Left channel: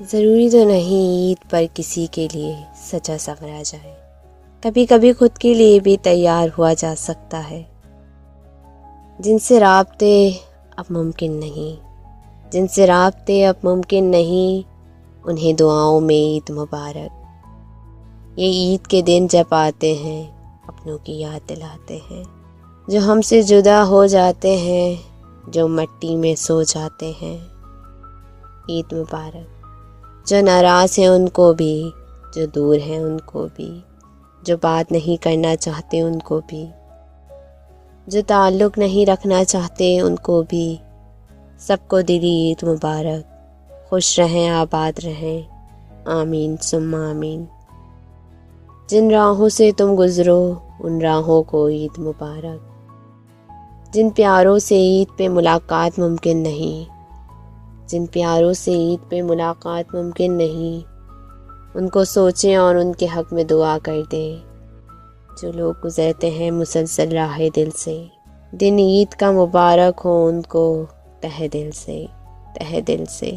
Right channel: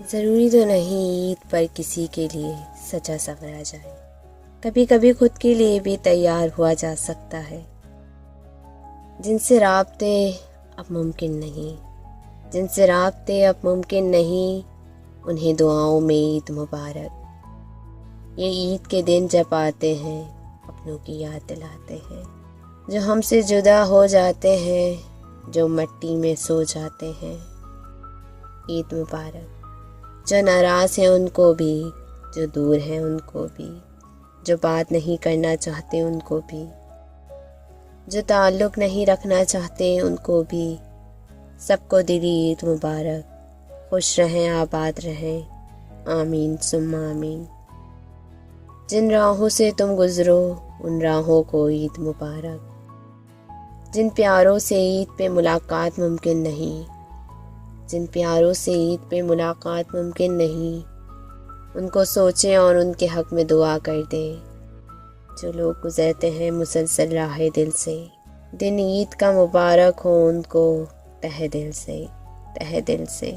ضروری تو نہیں عید پر کسی کے لیے سجا سنورا جائے، کبھی کبھی خود کے لیے بھی تیار ہوا جا سکتا ہے۔ جن سے رابطے اب ممکن نہیں، جن سے رابطے اب ممکن نہیں، انہیں دعاؤں میں عید مبارک۔ یہ عید کے دن جب آتے ہیں اپنوں کی یاد دلاتے ہیں، جو ہم سے جدا ہو جاتے ہیں، جو مٹی میں سو جاتے ہیں۔ عید مبارک۔ جو ناراض ہیں ان کو بھی، جو دور ہیں ان کو بھی، جو بات نہیں کرنا چاہتے ان کو بھی، جو تعلق نہیں رکھنا چاہتے ان کو بھی، سب کو دلی عید مبارک۔ خوش رہیں، آباد رہیں، آمین ثم آمین۔ جن راہوں سے تم گزرو ان راہوں کو عید مبارک۔ جن پیاروں سے عید پہ ملاقات ممکن نہیں، جن پیاروں سے عید پہ ملاقات ممکن نہیں، ان کو سوچیں اور ان کے حق میں دعا کر دیں۔ جو لوگ گزرتے ہیں مسلسل راہ دل سے، دن عید کا مبارک ہو ان کو تہہ دل سے، تہہ دل سے۔